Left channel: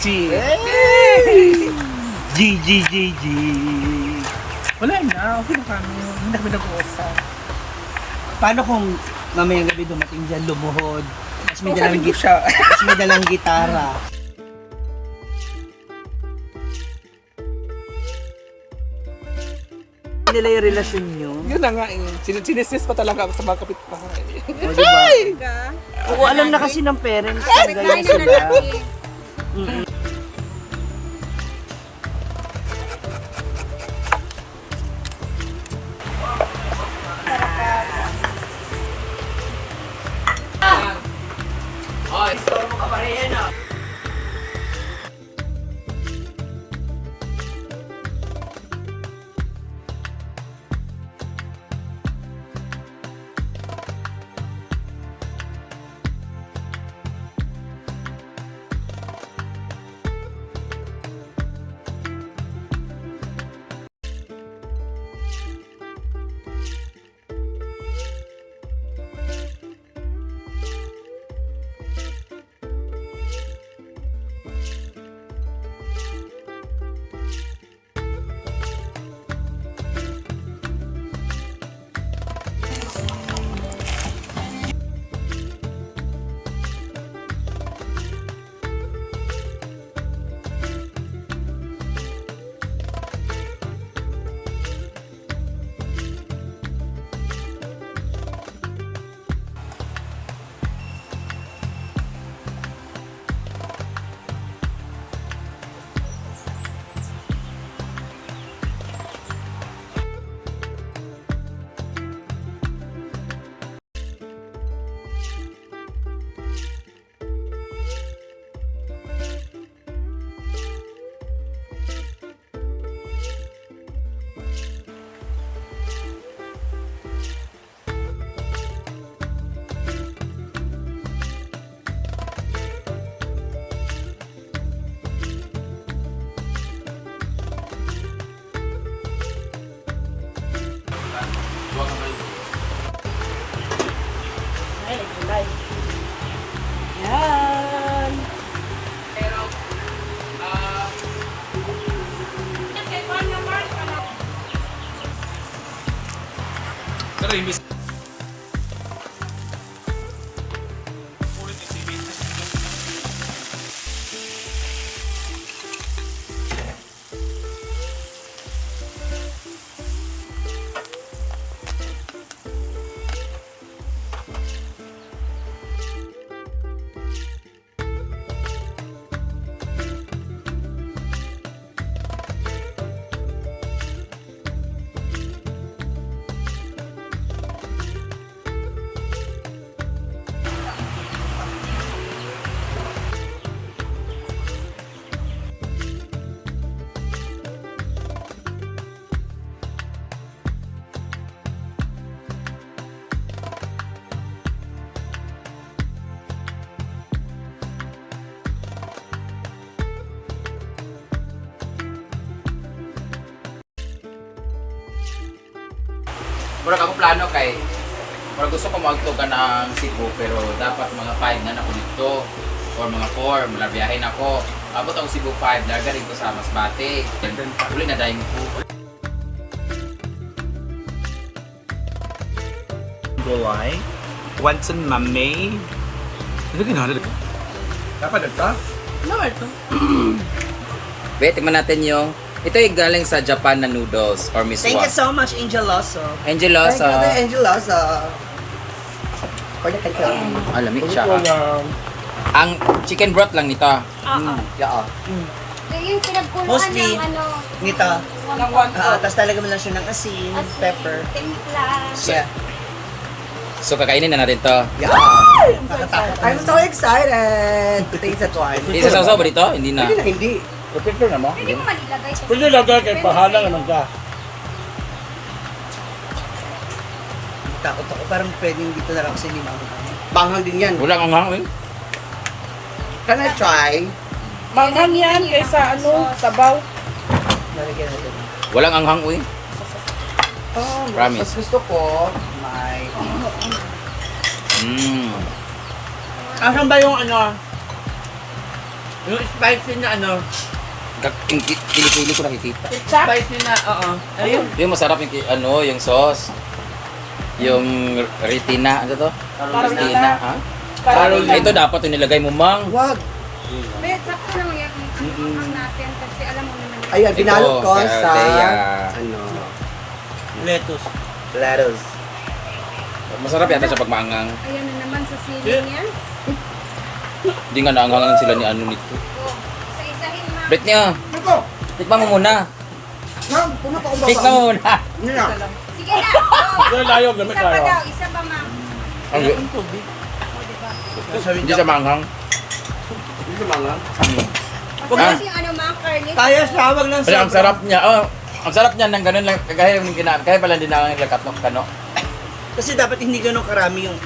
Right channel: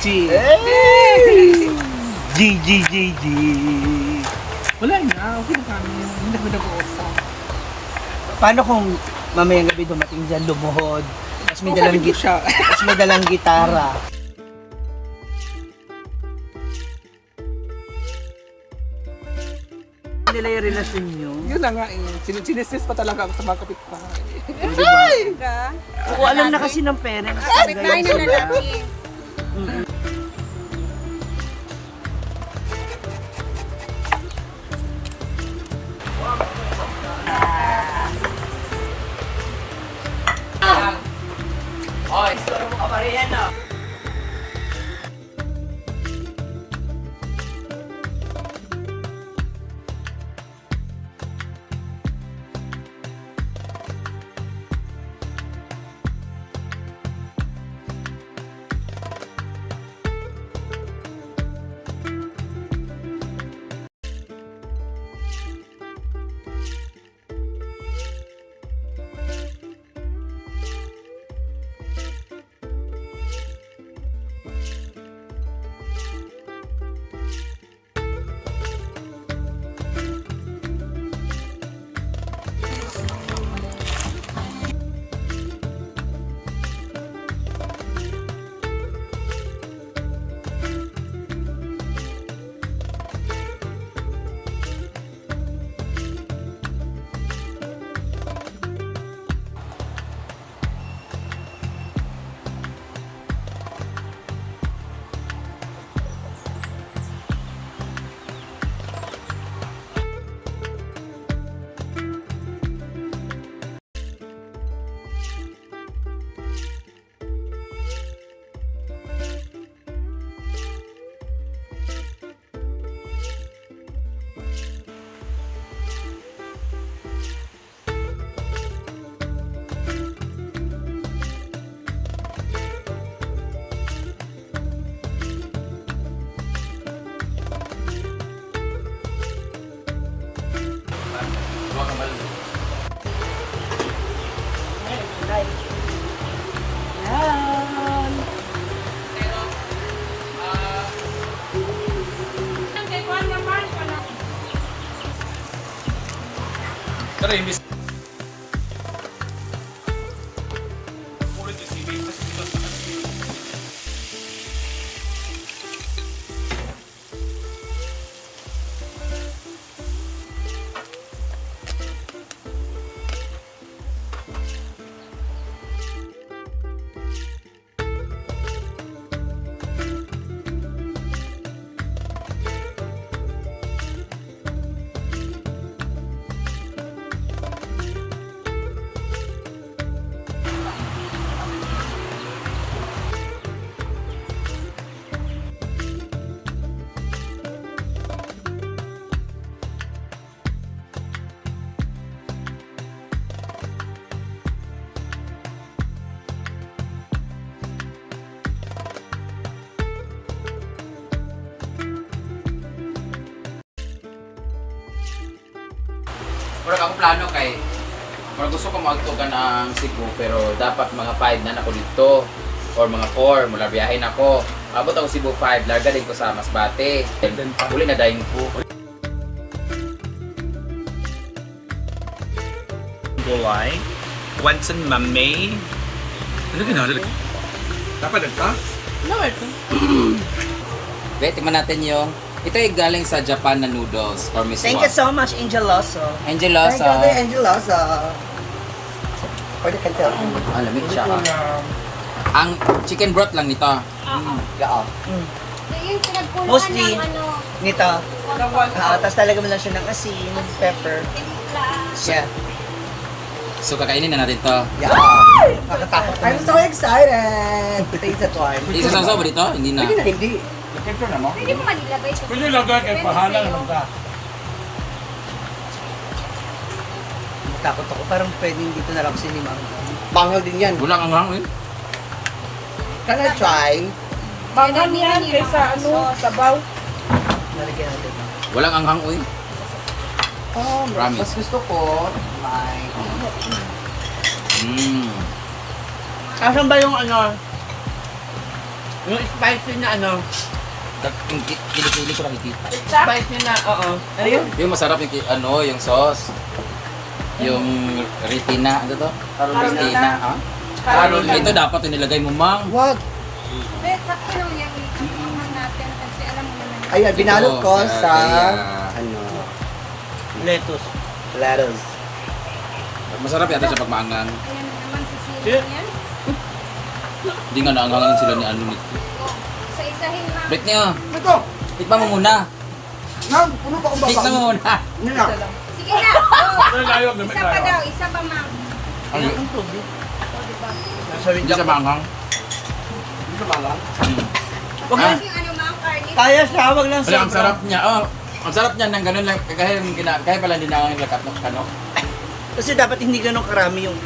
G. G, G, G, G. Wala na, okay na kami. Hindi na kami nag-uusap. Paano kung mamayang gabi dumating dyan, lumuhod, tapos may Sabi ko siya. tapos may dalang gitara. Nila yung relasyon nyo. Yun na nga eh. Sinistis ko talaga ako sa mga kapitbahay. Ay! Ka? Oo, alam na kasi ng parents. Kapit bahay na lalaki. Pero imbis. Pero ako plano kay gusto ko magtugan ng Cebu pero dapat mga 5 na ako dito or mga 4 mula biyahin ako. Abot ako Cebu 5, larga din ko sa Masbate. Uli na daing ko. Gulay. Wansan mamay. Halika na, halika. Napagad pa? No, ito. Wait, tingnan natin yung ito yung galing sa Japan na noodles or miswa. Thank you so much, Angel Loso. Angelosa. Thank you, Angel Loso. For the kanto. Ah, lamig siya. Ang chicken broth lang nito. Oo. Yeah. Yung pinagkumuhan Mostly. ng ano, Nito. Nang one Tapos talaga mo lang siya ng asin, pepper. timpla. Yeah. So kakainin na natin to. Yeah. Nakatakot. I'm so excited to taste that one. Isasaw ba dito? Hindi na. Hindi na, hindi. Picture na mo? Hindi mo malilagay kasi. Pwede lagay kay pahalang ano ka. Natakot ako. Parang pwedeng dito na lang kasi ni Manghang. Manghang din yan. Walang anghang eh. Can I try? Manghang yan kaysa ano, sabaw. Lalagyan natin. Walang anghang uy. Oh, Promise. mas gusto ko may... Mmm. Asan ba yung ano? Yung spicy na ano, Kili-kili ko nakikita. spicy na, oo. Ayun. Yung masarap yung yung sauce. Yung retina, ano to? Retina, ha? Carolina. Ito dapat yung nilagay mo, Mang. Wag. Pero sakto lang yung ang natin kasi alam mo naman. Ayun, binalot ko Ito, sa, kaya, ano, Lettuce. lettuce. masarap yata siya pag maangang. Ayan na naman sa sili Yeah. niya. Hindi nga naangangan sila ni ano nito. Oh, sa isahin na. Break niyo. Ito, Tikman mo muna. nang, puno pa akong Tikman mo muna. Ano na? Sige na. Oh, Layo, gamit isa pa layo. daw, isa pa mang. Ang Ang tubig. O, diba? hindi siya maanghang. Hindi sa mga. Masarap yung ano mang, karne. Kaya siya, wag lang Kaya ang sarap niya. Oh, ang sarap niya ng ganun lang. Kaya yung kaya pala hindi na ang lakat ng kano. Kasi dapat hindi ganun karami yung,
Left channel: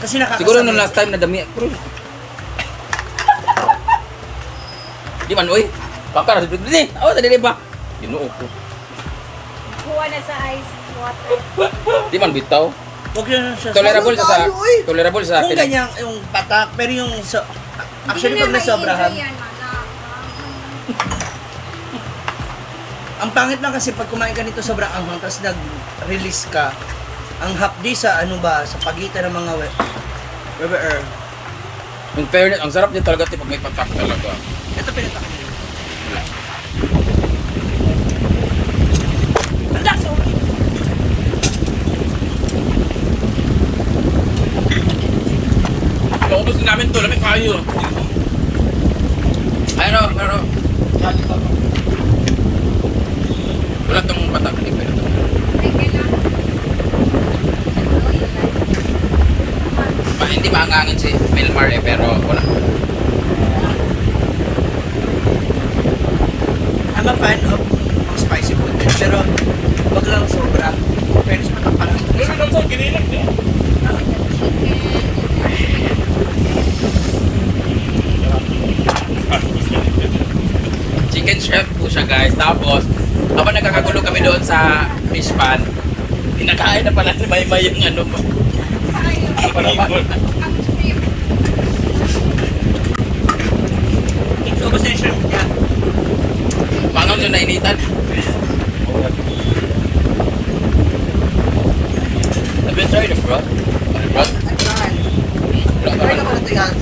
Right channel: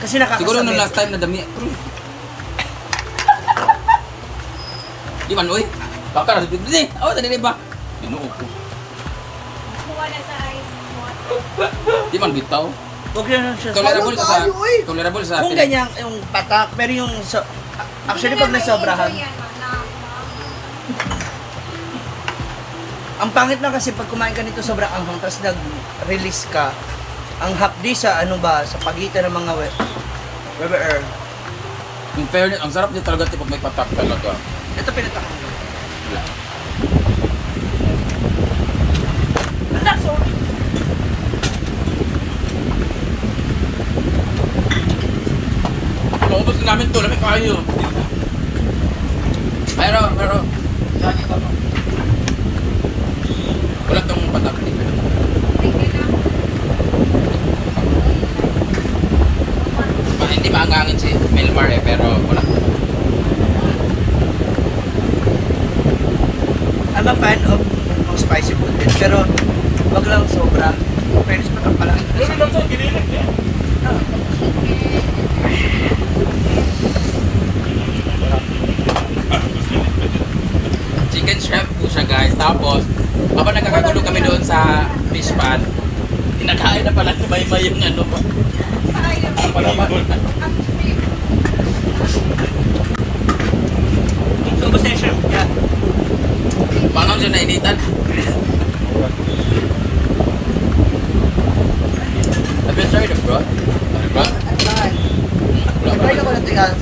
kasi nakakasabit. Siguro nung last time na dami. Pero, di man, uy. Pakar, di. Oh, tadi ba? Inuo ko. Kuha na sa ice water. Di man bitaw. Wag lang siya. Tolerable Ano sa tayo, uy? tolerable sa Kung atin. ganyan, yung patak, pero yung, actually pag nasobrahan, ang pangit lang kasi pag kumain ka nito sobrang anghang, tapos nag-release ka, ang hapdi sa ano ba, sa pagitan ng mga weber. In fairness, ang sarap niya talaga pag may patak talaga. Ito pinatakang mo. Paubos din namin to, lamig kayo. Pero, wala tong patak. Hindi maangangin si Milmar pero wala. I'm a fan of spicy food din, pero wag lang sobra. Fairness patak pa lang. Lumi daw to, ginilig niya. Chicken shrimp po siya guys. Tapos, habang nagkakagulo kami doon sa fish pan, kinakain na pala ni Maymay yung ano mo. Ang palaman. Ubus na yung shrimp niya. Bangaw siya nainitan. Have you tried the broth? The broth? Ay, saan? Try na ko na ito yan.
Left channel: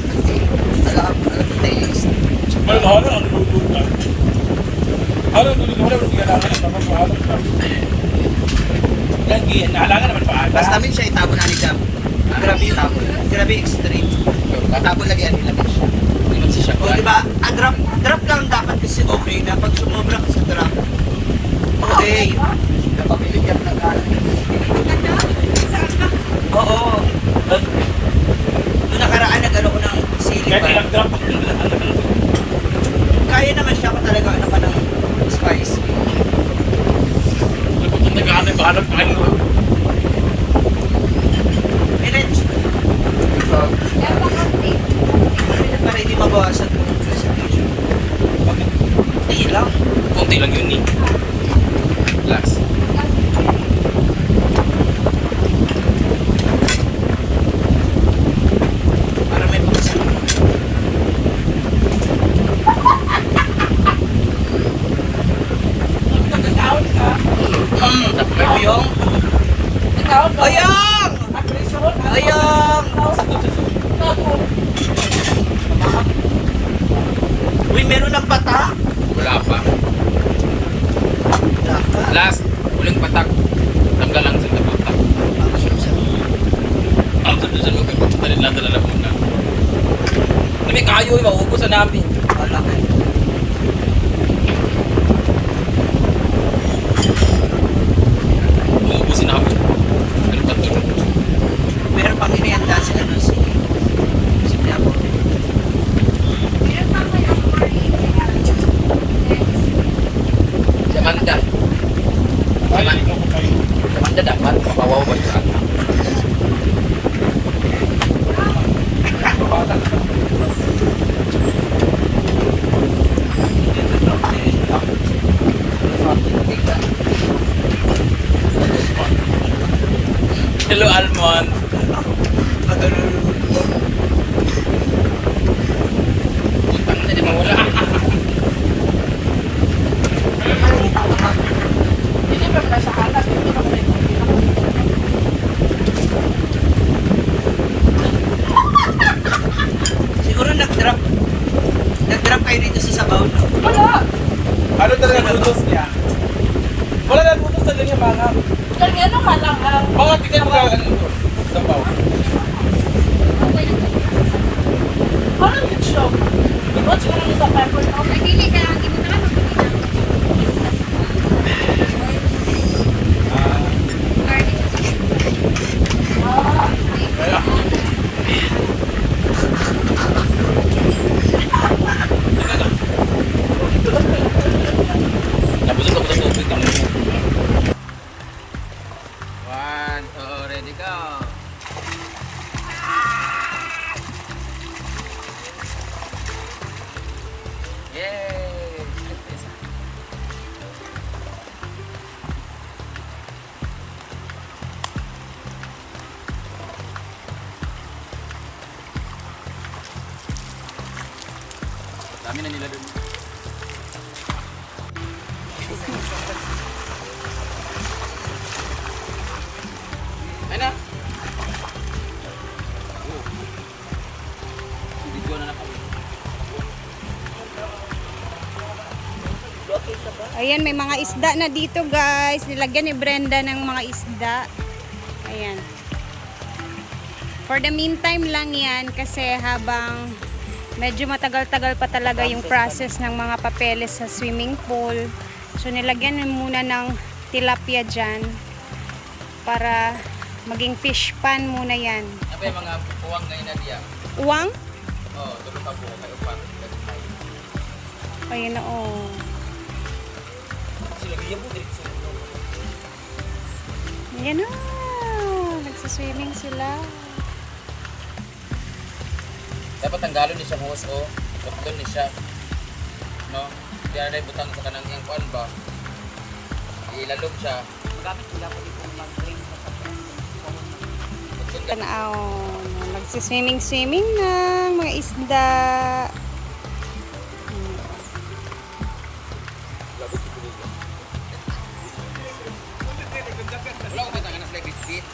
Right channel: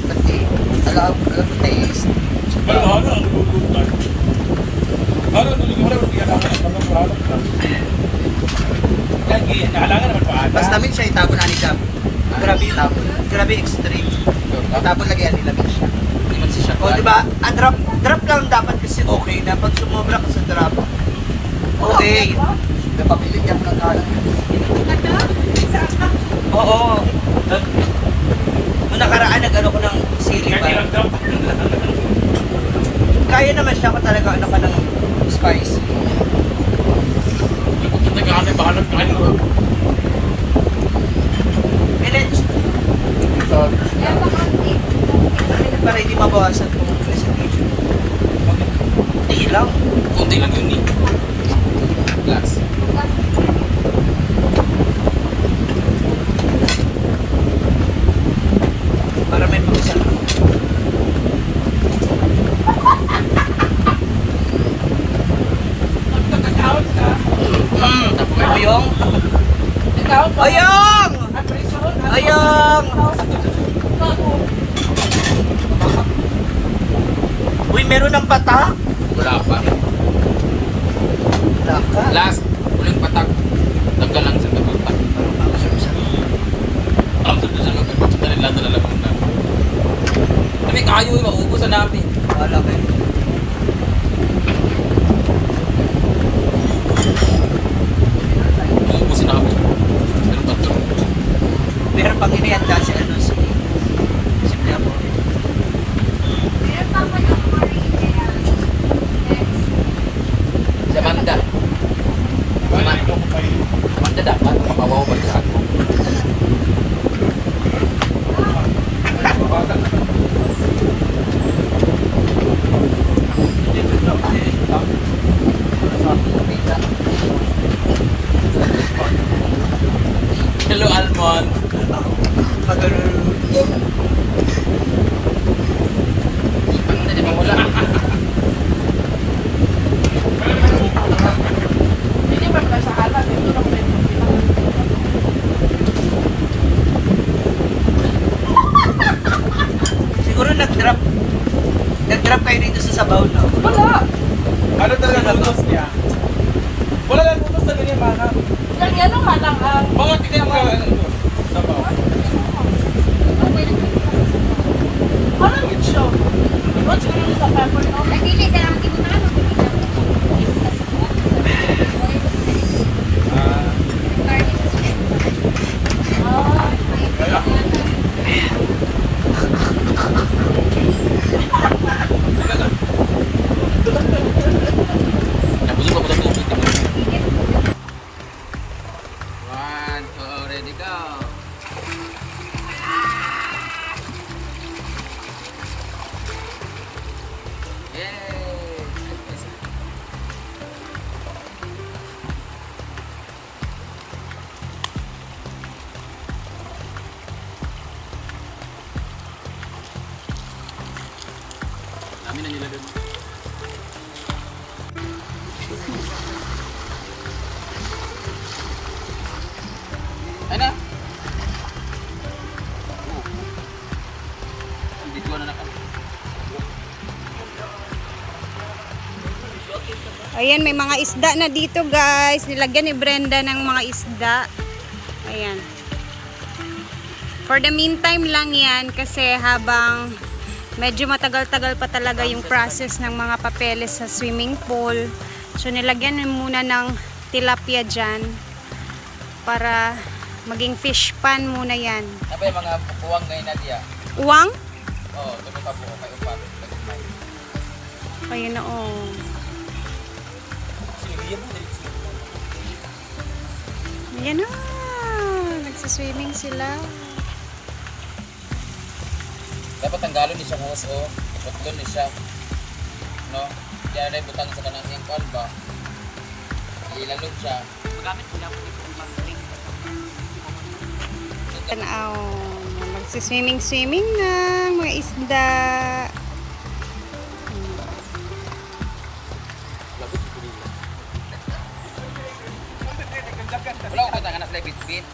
Alam ko taste. Pero ano ang lulutan? Ano ang lulutan? Hindi kailangan ang mabuhalan ka. Lagi, naalangan naman pa. Basta namin siya itabon na ni Jam. Grabe yung tabon. Grabe extreme. Itabon lagi yan nila siya. Hindi man siya. O diba, drop lang dapat kasi okay na. Pag sumobra ka sa drop, okay. Napapilit yan ng kalan. Oo. Nung nakaraan, nag-ano ko ng sili Kahit pa. ilang drop. Kaya naman siya ko talaga ano ka ng spicy. Kung nagkahanap, bahanap kayo. And then, kami na para hindi mabawasan kung presentation. Hindi lang. Kunti lang yun eh. Glass. Para may pakisal. Pwede yung... Ayang! Ayang! Uy, meron ng patak? Wala pa. Wala ka. Last, uling patak. Tanggal lang sa tatak. Ang sarap-sarap. Ang sa loob, papunta rin lang sa lalamunan. Kami kayo, mauubusan natin. Wala ka. Mauubusin namin po. Pero paturo. Meron pang inihanda si ano si Tiago. Meron pa pala more ingredients. Si Amanda. Wala, ikaw ko kayo. Si Amanda dapat makawaw ba sa akin? nag-drop kayo dito sa sabaw na. Wala. Ano talaga noodles niya? Wala lang noodles na ganyan, mga. Ano nga lang ang Mga tignan mo ka, ano ito? Sabaw. parang yung show. What's your name sa pepper? Ay, dili ka. Hindi mo na ano. Tapusin ko po sa tubig naman. One, two, ready, go. Yay! Dami na nila dun. Ay na. Oh. Hindi ko na nakawin. Ayan, may mga isda na dito, guys. Nilagyan ni Brenda ng mga isda. Ayan. For the meantime lang yan kasi habang medyo matagal-tagal pa talaga yung process ng mga papeles sa swimming pool. So nilagyan muna ng tilapia dyan para maging fish pan muna yan. Ano ba yung mga uwang ngayon na diya? Uwang? Oh, tulog ka buo kayo pa. Lagumay. Ayan na, oh. Silog iya mo, diretso. Ayan na. Nagsiswimming sila. Dapat tanggalon ni siya hose o. Iputlon ni siya. No? Diyan na butang sa kanang iyang kuan ba? Ilalog siya. Tanaw. Nagsiswimming ng mga isda. Wala ko kita nga na sila bit-bit.